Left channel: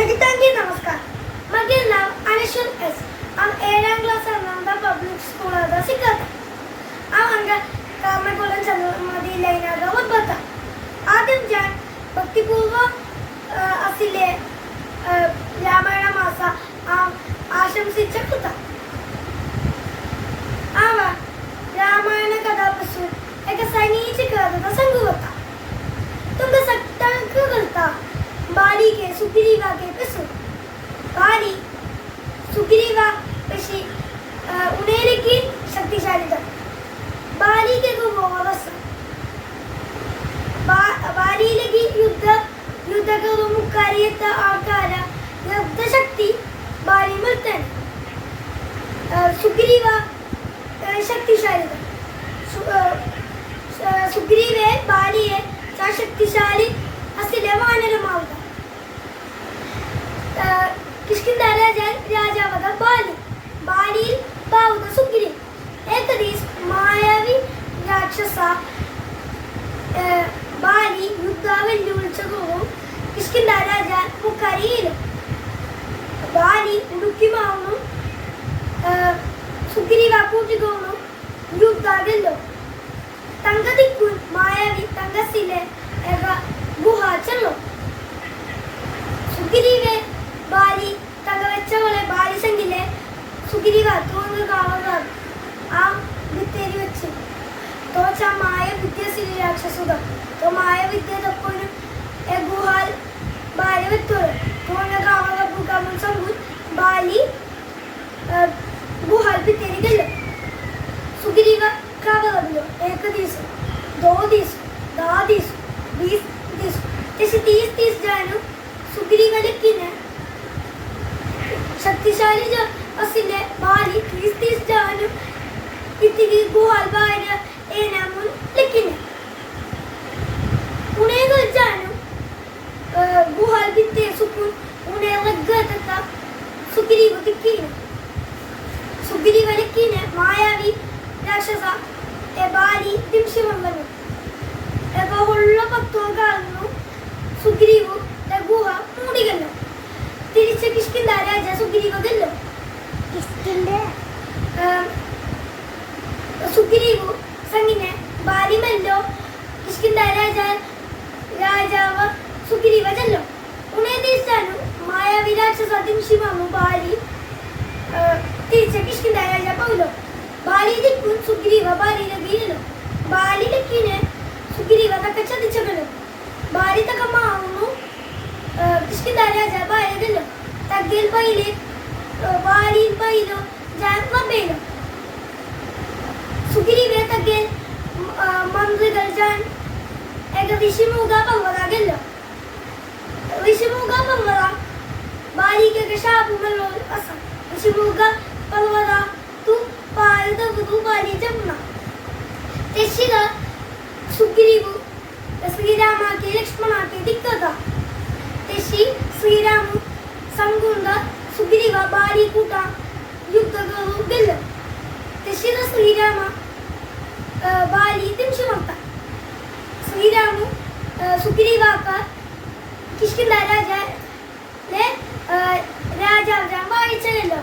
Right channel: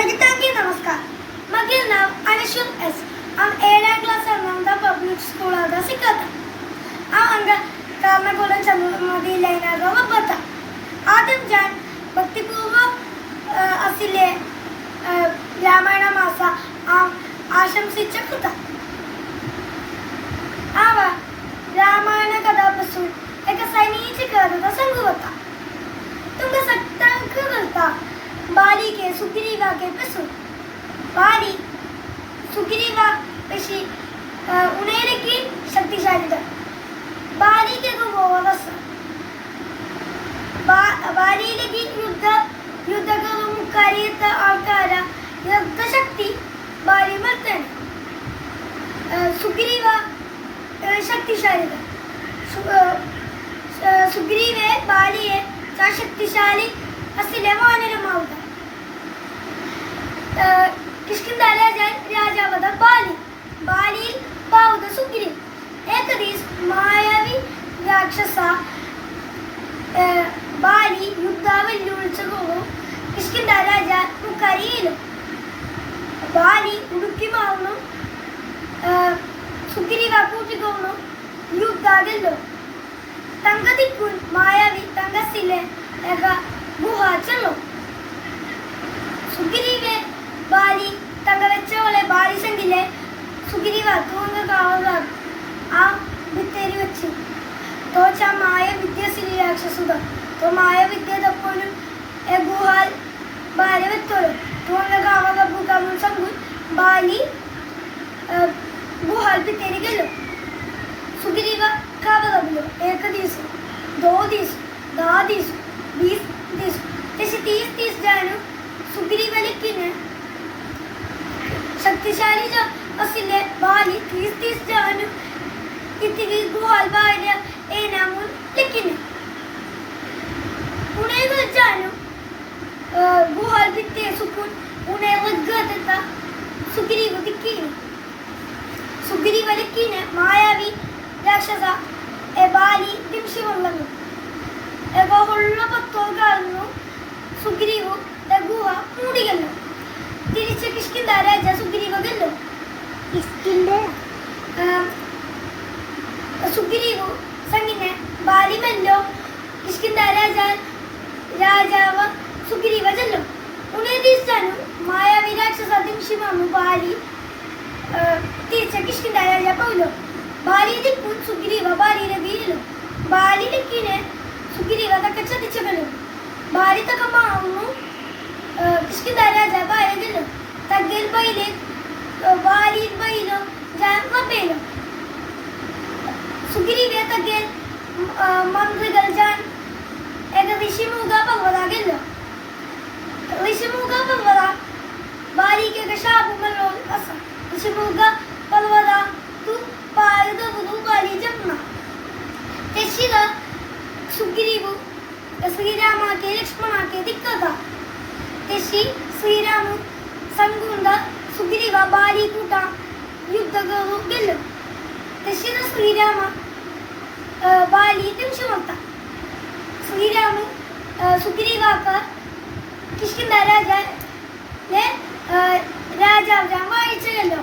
സജിതാന്റി നമസ്കാരം. മകിൽ നാം അനശ്വൻ എസ് ആം ഏഴാം ക്ലാസ് അനന്ത പബ്ലിക് സ്കൂൾ ആദ സിക്കാത്ത. ആ അങ്ക കാമകുലം ചന്ദ്രമതി ലൈനാഗ ഒപ്പത്ത ആദ്യം ഞാൻ ഭക്തിപൂർവം അസിലെ രാമായണ മാസ ആം ആശംസിച്ച കൃത. അവ രാമായണ കഥാപശു എക്ക സൈനീച്ച് കേതത സംഘവത്ത. ಸುಗ್ರೀವಾಗೆ ಪೆಸು ಬಾಲಿ ಸುಗ್ರೀವ ಪೆಶಿ ಉಣೇಲಿಕ್ಕೆ ಶಕ್ತಿಶಾಲಿದ ಬಾಲಿಗೆ ಹೋವಸ ബാലിയിലേക്ക് യുദ്ധ യുദ്ധകവും മുക്കാരിയത്ത ആൾക്കാര യുദ്ധശക്തി ബാലി മർത്തൻ സുഗ്രീവ ಆ, ಶಕ್ತಿಶಾಲಿ ಸು- ಆ, പുസ്തകവും കിഷ്കിന്ദ രാജാവും കരീനും ബാലി ഉടുക്കിമാവനും സുഗ്രീവ കൂട്ടിക്കോണും യുദ്ധാകല്ലോ തങ്കതിക്കുൻ മായാവി തങ്കസിലെ ഗുഹ ചെല്ലും സുഗ്രീവെ ബാലി തങ്ക വെച്ചവളെ ബാലിസെങ്കിലെ സുഗ്രീവ തോന്നു കാവലാർ ആ വിത്തേരി വെച്ച്. തോച്ച മായ വിദ്യ ശ്രീ രാക്ഷസുത തോ മായ വിദ്യ തപ്പോഴും ಕಲ್ಪಿತೇನೆಗೆಲ್ಲ ಸುಗ್ರೀವ ಕಾವಲನ್ನು ಏಕದೀಸು ದ್ವೋದೀಸು ದಾದೀಸು ಬೀಸ್ ದೀಸು പക്ഷെ തീസ് തീസ് ജാനു സുഗ്രീവനക്കിന് ശക്തിശാലി ജോസിന്റെ ബാലി തീസ് തീസ് ജാനു ഇത്തിരി ഗോൾ ബാല ഏനാമുൻ ലക്കിന്. സുഗ്രീവലക്കിന് മായാവി രാക്ഷസ എ ബാലി ദിംഷി വന്നു. എവള്ള പത്വം കാളുന്നു സുഗ്രീവു ലഘുവ മൂടികല്ലോ തിരിച്ച് കിഷ്കിന്ത രാജ സുഗ്രീവകല്ലോ സുഗ്രീവു സംഗിനെ ബാലിമല്ലോ കിഷ്കിന്ത രാജ രാജാവ സുഗ്രീവ ചെല്ലും. ഉണേ തീർച്ചാനു മായാവി രാക്ഷസ ദിംഷി വന്നു ബാലി. തിരിച്ച കിഷ്കിന്ദ രാജ പൗലോ ബാലി ദിക്കുൻ സുഗ്രീവ ബാലിനെ വീഴലോ ബാലി ദിക്കിനെ സുഗ്രീവ തക്ക ചതിച്ചകലോ ബാലി തക്ക മാവുന്നു കിഷ്കിന്ദ രാജ ബായകല്ലോ തഗ്ഗൽ ബൈലെ ബാലി ബൈലോ ജാൻ വബേലോ സുഗ്രീവ തഗ്ഗൽ മന്ത്രികൾ ജാൻ ഏക വിഷിമുഖ പർവ്വതാകല്ലോ വിഷിമുഖ പർവ്വത ബാലിക്കൊക്കെ ശാപമല്ലോ അസം വിഷിമുഖ പർവ്വത തു പാരതവതു ബാലി ജന്മ തെശിക ಸುಗ್ರೀವು ಶ್ರೀರಾಮಕ್ಕೆ ಲಕ್ಷ್ಮಣಕ್ಕೆ ದಿಕ್ಕದ ತೆಶಿ ಶ್ರೀರಾಮು ಸಂಗುಂದ ಸುಗ್ರೀವ ಬಾರಿ ಕೂಟ ಯುದ್ಧಗಳು ಗೆಲ್ಲ ತೆಶಿದ ಶ್ರೀರಾಮ ಆ, ಬಾಲಿ ತಿಂಶುವಂತ ಶ್ರೀರಾಮು ಆ, ಸುಗ್ರೀವಾಕ കിഷ്കിന്ദ രാജ രാജാവ് വായിച്ചല്ലോ